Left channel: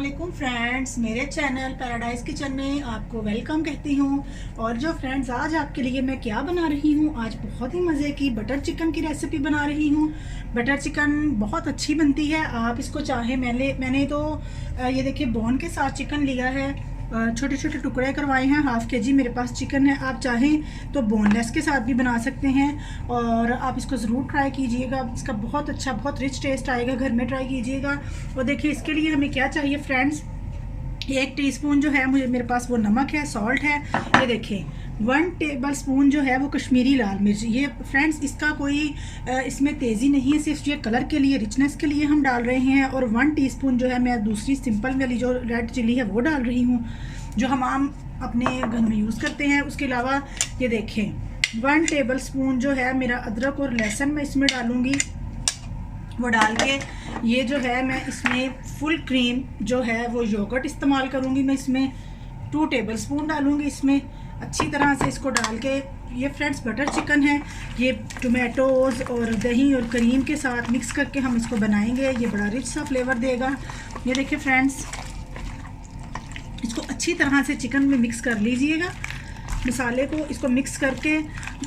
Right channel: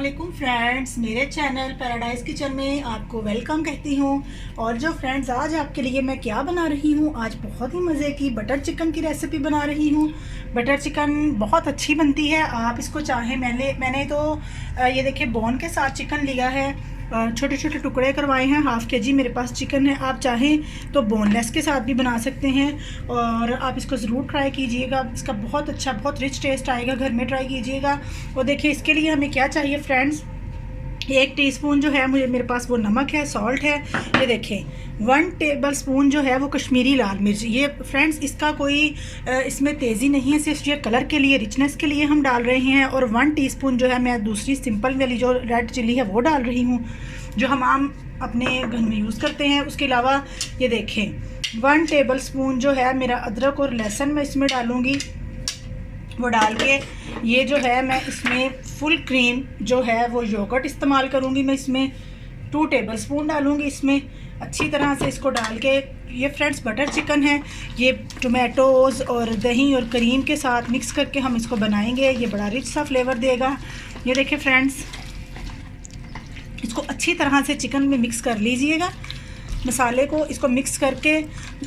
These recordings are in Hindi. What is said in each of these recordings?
अस्सलामुअलैकुम फ्रेंड्स, मेरे चैनल पैराडाइज़ किचन में आपको वेलकम कहती हूँ। और जो फ्रेंड्स, आज आपके लिए मैं क्या बना रही हूँ, आज बहुत ही मज़े की बटर चिकन की रेसिपी बना रही हूँ। बटर चिकन बहुत अच्छी बनती है। आप इसको चाहें, मैंने तो ये देखिए बोन के साथ चिकन लिया है, छोटे छोटे टुकड़े करवाए हैं। हाफ़ के जी मेरे पास चिकन है। आप चाहें तो बोनलेस के साथ भी बना सकते हैं और आप इसको ज़रूर ट्राई कीजिएगा। इसका बहुत अच्छा, बहुत रिच टेस्ट आएगा। घर में ट्राई कीजिएगा। और देखिए इसके लिए हमें क्या चाहिए फ्रेंड्स, 1 टीस्पून जो है मेरे पास वो नमक है, सॉल्ट है। ये देखिए 1 टेबल स्पून जो है वो कश्मीरी लाल मिर्च। ये फ्रेंड्स इसका कोई इसमें तेज़ी नहीं है, सिर्फ ये कलर के लिए, रिचनेस के लिए हम डाल रहे हैं। और 1 टीस्पून जो है मैं दूसरी सिंपल वाली जो रेड चिली है वो डाल रही हूँ, जो हम आम अपने घर में यूज़ करते हैं। उसके अलावा ये देखें 1 टेबल स्पून जो है मेरा अदरक और लहसुन मैं इसमें डालूँगी। वो डाल के ये जो है मैं इसमें फुल क्रीम जो है वो योगर्ट इस्तेमाल करूँगी। मैं इसमें 2 टेबल स्पून डालूँगी। इसमें अच्छी तरह से इसको डाल के, ये फ्रेंड्स बटर चिकन है, ये टोमेटोज़ और दही और क्रीम के साथ मिक्स करके हम इसको बनाएंगे। ये बड़ा रिच सा फ्लेवर देगा। ये देखिए फ्रेंड्स, इसको अच्छी तरह से चिकन में मिक्स कर लीजिएगा। मसाले को इसको मिक्स करके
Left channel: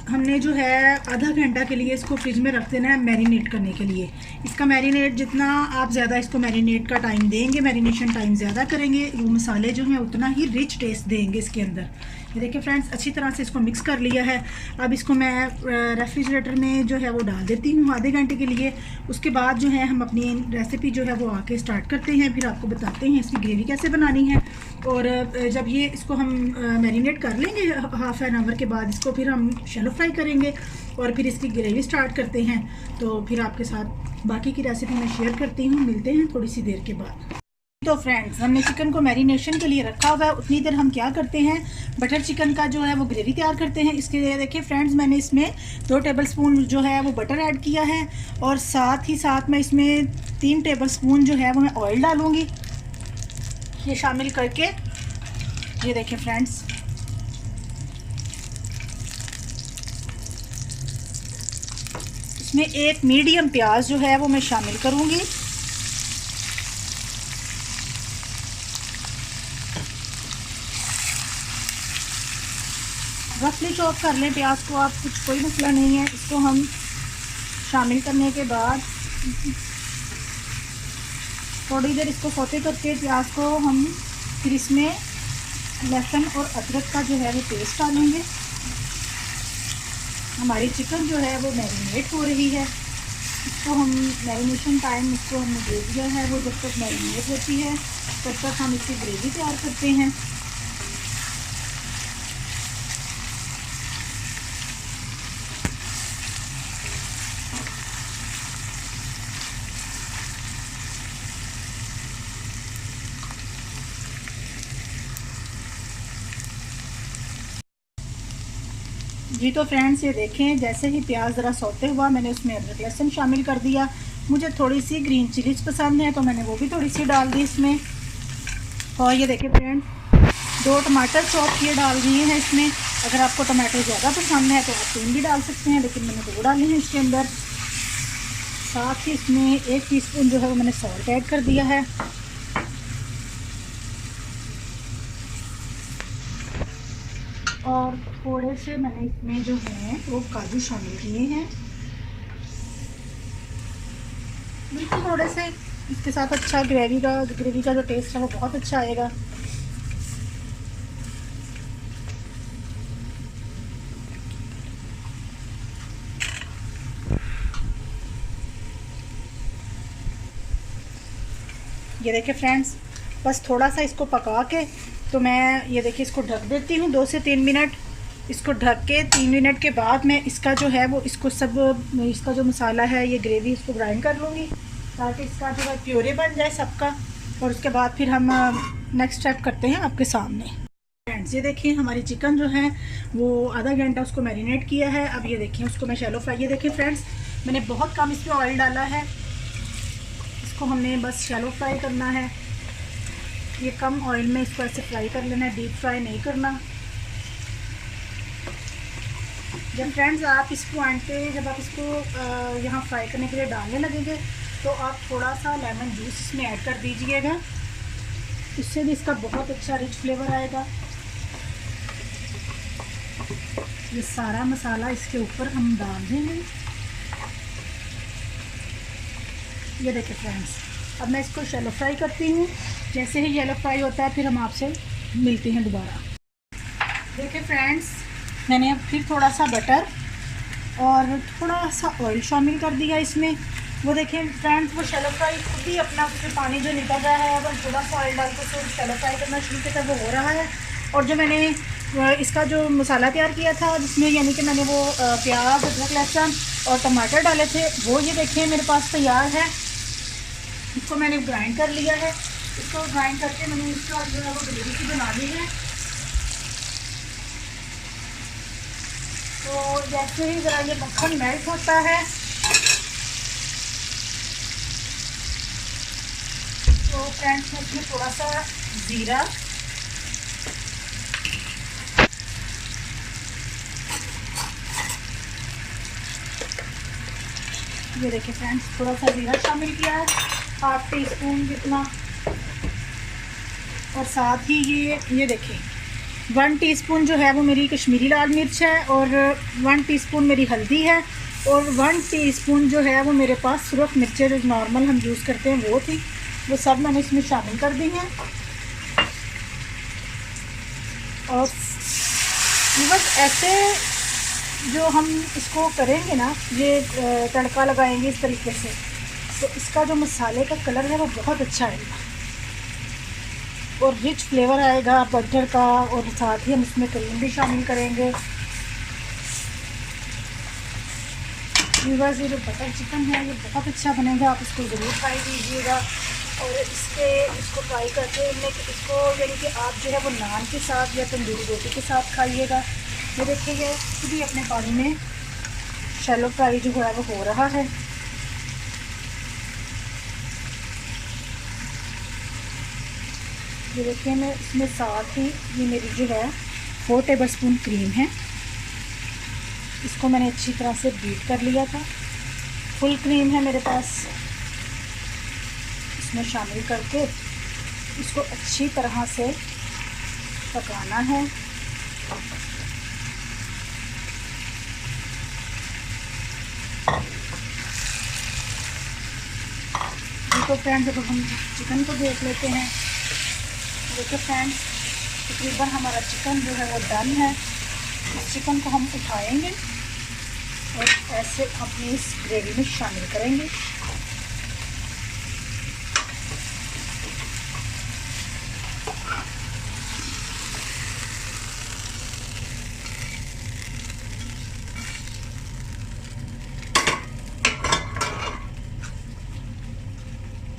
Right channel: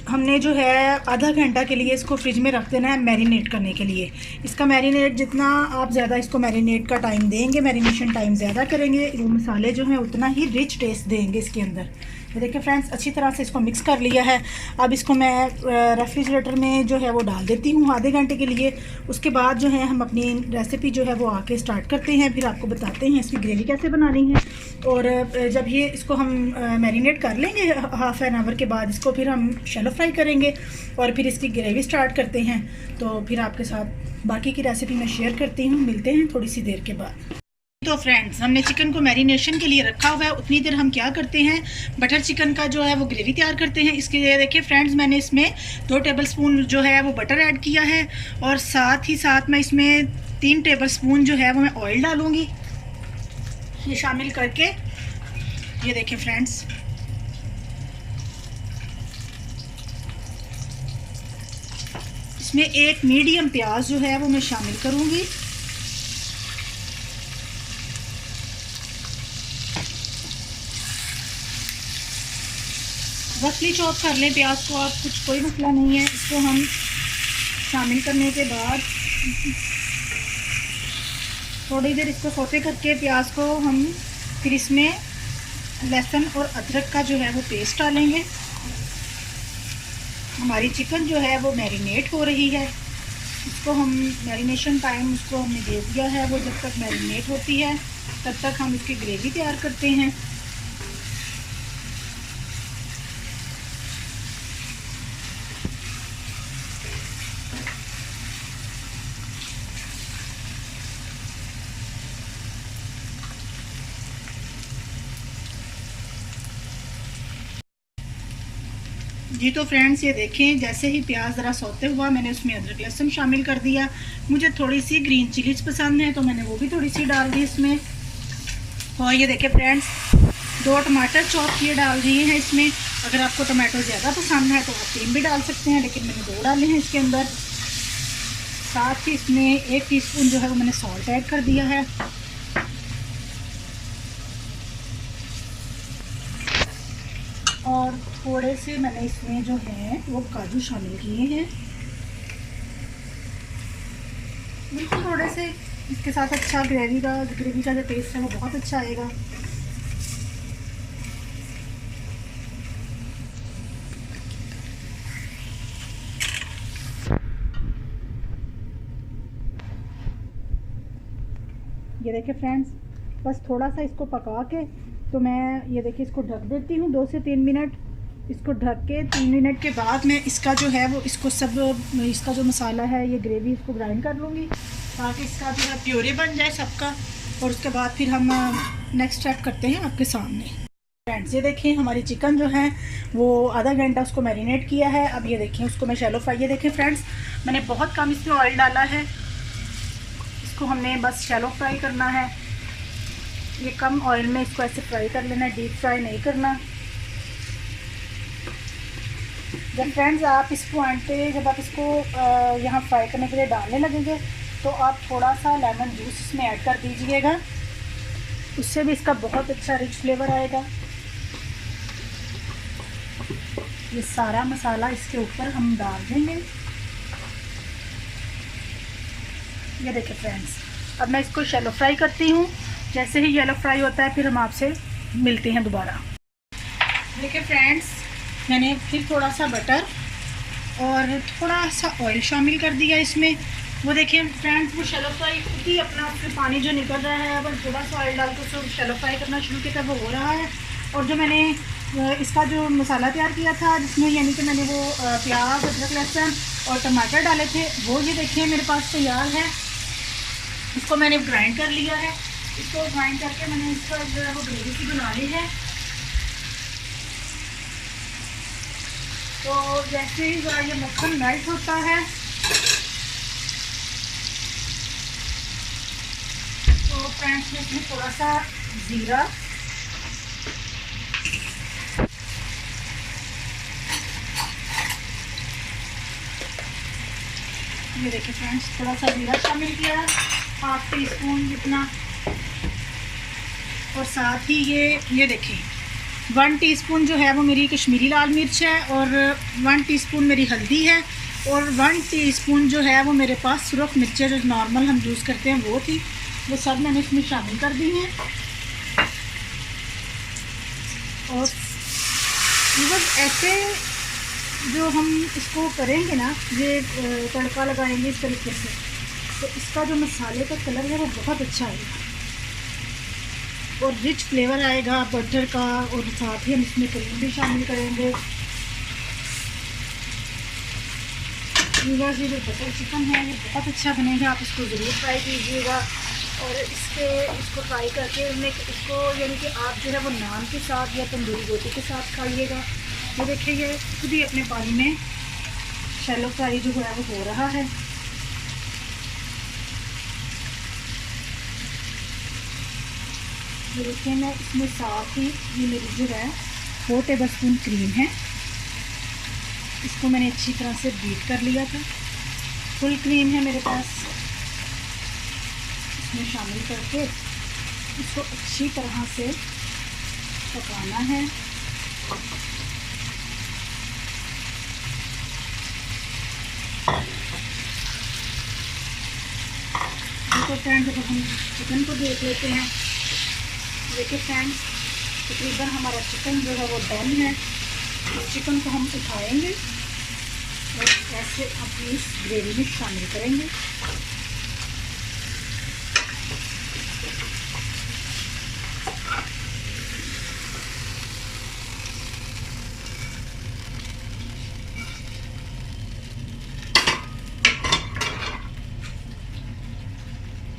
हमने जो है आधा घंटा के लिए इसको फ्रिज में रख देना है मैरिनेट करने के लिए। इसका मैरिनेट जितना आप ज़्यादा इसको मैरिनेट का टाइम देंगे, मैरिनेशन टाइम ज़्यादा करेंगे, वो मसाले जो हैं उतना ही रिच टेस्ट देंगे इसके अंदर। ये देखिए फ्रेंड्स, अच्छी तरह से इसको मिक्स कर लिया है। अब इसको मैं रेफ्रिजरेटर में जो है वो डाल देती हूँ आधे घंटे के लिए। उसके बाद जो है हम अपनी रेसिपी जो है वो आके स्टार्ट करते हैं। फिर आपको बताते हैं इसकी ग्रेवी कैसे बनानी है। और जब ये इसको हम मैरिनेट कर लेंगे हाफ़ एन आवर के बाद, इसको फिर हम शैलो फ्राई करेंगे और फिर इसकी ग्रेवी स्टार्ट करते हैं। तो फिर आपके साथ बाकी की रेसिपी मैं शेयर करती हूँ। मिलते हैं थोड़ी सी देर के बाद। तो फ्रेंड्स, हमने चिकन को मैरिनेशन के लिए रखा हुआ है। उतनी देर हम क्या करते हैं, बटर चिकन का जो है वो ग्रेवी तैयार करते हैं। इसके लिए देखिए फ्रेंड्स, मैंने इसमें 2 टेबल स्पून जो है वो बटर ऐड किया है और साथ ही साथ मैं इसमें 3 टेबल स्पून जो है वो मैं ऑयल डालूँगी, ये शामिल करके। ये देखिए फ्रेंड्स, इसमें एक मीडियम प्याज जो है वो मैं शामिल करूँगी। रफली चॉप कर लें प्याज को आप, कुछ कोई मसला नहीं है। इसको हम शामिल करने के बाद थोड़ी देर इसको सौते करके प्याज को हम फिर इसमें लहसुन और अदरक का जो है वो पेस्ट डालेंगे। हमारी चिकन जो है वो मैरिनेट हो रही है। इसको हम मैरिनेशन टाइम इसको हमने दे दिया है। वो जब तक मैरिनेट होती है तब तक हम इसकी ग्रेवी तैयार करते हैं। जी तो फ्रेंड्स, ये देखें जैसे ही प्याज ज़रा सौते हुआ, मैंने उसमें अदरक लहसुन शामिल कर दिया। मुझे थोड़ी सी ग्रीन चिलीज पसंद है तो मैंने वो भी थोड़ी सी डाल दी इसमें। और ये देखें फ्रेंड्स, 2 टमाटर चॉप किए डाल दिए हैं इसमें। अगर आपको टमाटर ज़्यादा पसंद है तो आप 3 भी डाल सकते हैं, लेकिन मैंने 2 डाले हैं इसके अंदर। साथ ही इसमें 1 टीस्पून जो है वो मैंने सॉल्ट ऐड कर दिया है। और थोड़े से मैंने इसमें जो है वो काजू शामिल किए हैं, बिल्कुल थोड़े से। इसके साथ अच्छा ग्रेवी का जो टेस्ट है वो बहुत अच्छा आएगा। ये देखिए फ्रेंड्स, बस थोड़ा सा इसको पका के तो मैं ये देखिए इसको ढक देती हूँ 2 से 3 मिनट। इसको ढक के 3 मिनट के बाद मैं इसका जो है वो इसका जो मसाला है, ये ग्रेवी, इसको ग्राइंड कर लूँगी ताकि इसका जो है प्योरे बन जाए सबका। और उसके बाद फिर हम नेक्स्ट स्टेप करते हैं आपके सामने। फ्रेंड्स, ये देखिए हमारी चिकन जो है वो आधा घंटा उसको मैरिनेट किया है। अब ये देखिए उसको मैं शैलो फ्राई, ये देखिए फ्रेंड्स, मैंने बहुत कम इसमें ऑयल डाला है। इसको हमने बस शैलो फ्राई करना है। ये कम ऑयल में इसको ऐसे फ्राई कर लेना है, डीप फ्राई नहीं करना। जब फ्रेंड्स आप इस पॉइंट पे, जब आप इसको यहाँ फ्राई करने के लिए डालने लगेंगे तो आप थोड़ा सा लेमन जूस इसमें ऐड कर दीजिएगा। उससे भी इसका बहुत अच्छा रिच फ्लेवर आएगा। ये सारा मसाला इसके ऊपर हम डाल देंगे। ये देखिए फ्रेंड्स, अब मैं इसको शैलो फ्राई करती हूँ। जैसे ही येलो फ्राई होता है फिर हम आपसे मिलते हैं दोबारा। देखिए फ्रेंड्स, मैंने फिर थोड़ा सा बटर और थोड़ा सा ऑयल शामिल कर दिया इसमें। वो देखिए फ्रेंड्स, वो शैलो फ्राई खुद ही अपना उससे पानी जो निकल रहा है। अब थोड़ा सा ऑयल डालकर तो शैलो फ्राई करना शुरू किया, वो हो रहा है। और जो मैंने इसका जो मसाला तैयार किया था, जिसमें यानी कि मैंने वो प्याज, अदरक, लहसुन और टमाटर डाले थे, वो ये देखिए मेरे पास तैयार है। इसको मैंने ग्राइंड कर लिया है। इसको ग्राइंड करके मैंने इसका जो है वो ग्रेवी सी बना ली है। तो जैसे ही ज़रा ये मक्खन मेल्ट होता है तो फ्रेंड्स, मैं इसमें थोड़ा सा ज़ीरा, ये देखिए फ्रेंड्स, थोड़ा सा ज़ीरा शामिल किया है, 1/2 टीस्पून जितना। और साथ ही ये देखिए 1 टीस्पून जो है वो मेरी कश्मीरी लाल मिर्च है, और 1 टीस्पून मेरी हल्दी है, और 1 टीस्पून जो है वो मेरे पास सुरख मिर्चें जो नॉर्मल हम यूज़ करते हैं वो थी। वो सब मैंने इसमें शामिल कर दी हैं। और बस ऐसे जो हम इसको करेंगे ना, ये तड़का लगाएंगे इस तरीके से, तो इसका जो मसाले का कलर है वो बहुत अच्छा है और रिच फ्लेवर आएगा बटर का। और साथ ही हम इसमें क्रीम भी शामिल करेंगे। बस ये जो बटर चिकन है ये बहुत अच्छा बनेगा, आप इसको ज़रूर ट्राई कीजिएगा। और इसको फ्राई करके इसको यानी कि आप जो है वो नान के साथ या तंदूरी रोटी के साथ खाइएगा। ये देखिए, ये खुद ही अपने पानी में शैलो फ्राई जो है वो हो रहा है। ये देखिए, मैं इसमें साथ ही ये मेरी जो है 4 टेबलस्पून क्रीम है, इसको मैंने अच्छी तरह से बीट कर लिया था। फुल क्रीम है मेरे पास, इसमें शामिल करके इसको अच्छी तरह से पकाना है। तो फ्रेंड्स, अब हम चिकन को देख लेते हैं। देखिए फ्रेंड्स, तकरीबन हमारा चिकन जो है वो डन है। इस चिकन को हम उठाएंगे और ऐसे अपनी इस ग्रेवी में शामिल करेंगे।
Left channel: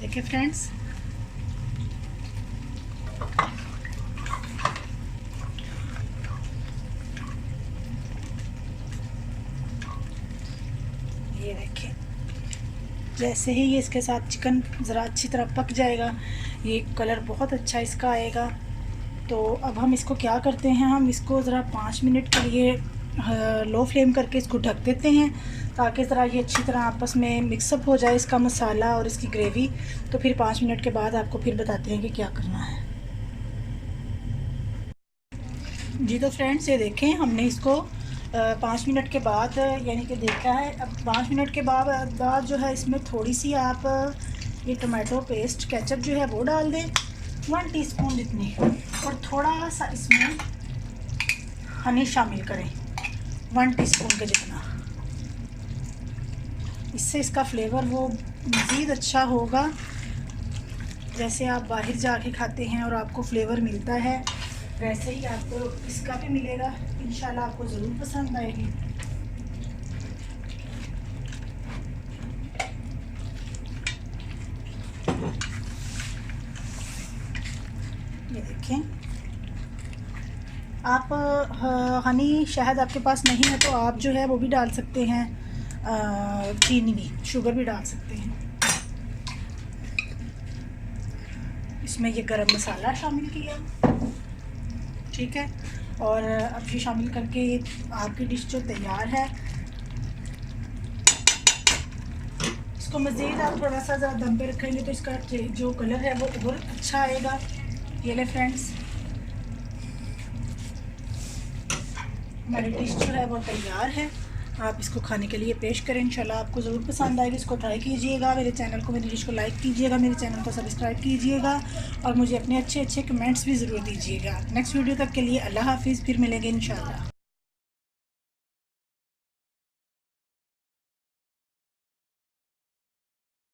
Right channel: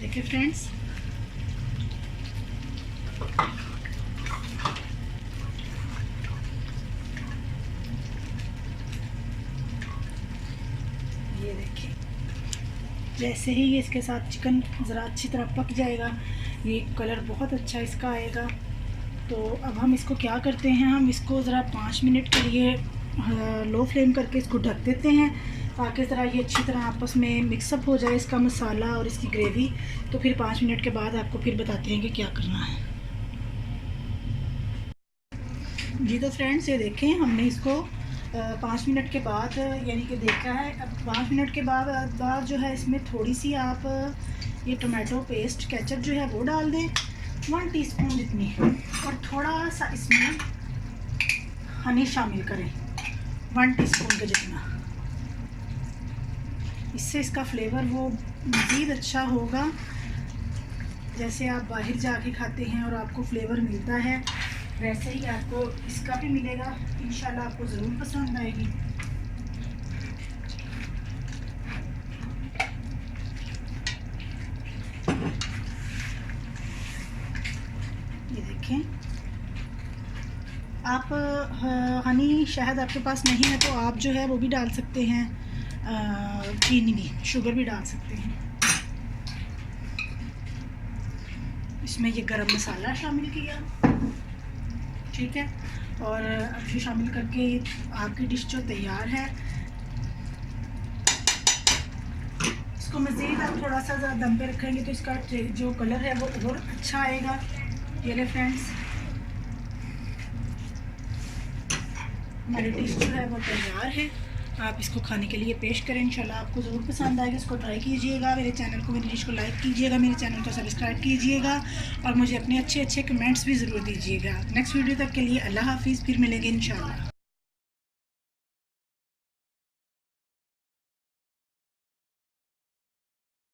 देखिए फ्रेंड्स, जैसे ही ये इसके साथ चिकन ज़रा अच्छी तरह पक जाएगा, ये कलर बहुत अच्छा इसका आएगा। तो अब हम इसको क्या करते हैं, हम इसको ज़रा 5 मिनट के लिए लो फ्लेम करके इसको ढक देते हैं, ताकि ज़रा ये अच्छी तरह आपस में मिक्सअप हो जाए इसका मसाला और इसकी ग्रेवी। तो फिर 5 मिनट के बाद आपको फिर बताते हैं कि क्या करना है। जी तो फ्रेंड्स, ये देखें, हमने इसको 5 मिनट के बाद यानी कि देखा है। अब 5 मिनट के बाद जो है इसमें थोड़ी सी आप ये टमाटो पेस्ट केचप जो है वो डाल दें, 1 टीस्पून जितनी, और थोड़ा सा इसमें हनी शामिल करें 1 टीस्पून के जितना। इससे इसका फ्लेवर वो मज़ीद अच्छा होगा। जैसे आप बाहर जाके खाते हैं और आपको फ्लेवर मिलता है, वैसे ही आपको इसका भी मिलेगा। इंशाल्लाह आपको ज़रूर पसंद आएगी। ये देखें, आप हनी शहद आपके पास नहीं है तो आप जो है वो भी डाल सकते हैं, चीनी भी, शुगर भी डाल सकते हैं। इसमें ये गरम मसाला शामिल किया, ठीक है। और अब ये शामिल करके आपकी डिश जो तैयार है, इसको मज़ीद आप थोड़ा सा ज़्यादा दम पे रखेंगे तो इसका जो कलर है वो और अच्छा आएगा। ये ले फ्रेंड्स, हमारी डिश जो है वो तैयार है। आप इसको खाने के लिए पेश करें, इंशाल्लाह आपको ज़रूर पसंद आएगी। इसको ट्राई कीजिएगा, मेरे चैनल को, मेरी डिश को लाइक कीजिएगा, मेरे चैनल को सब्सक्राइब कीजिएगा और मुझे अपने अच्छे अच्छे कमेंट्स भी ज़रूर दीजिएगा। नेक्स्ट वीडियो तक के लिए अल्लाह हाफिज़, फिर मिलेंगे इंशाल्लाह।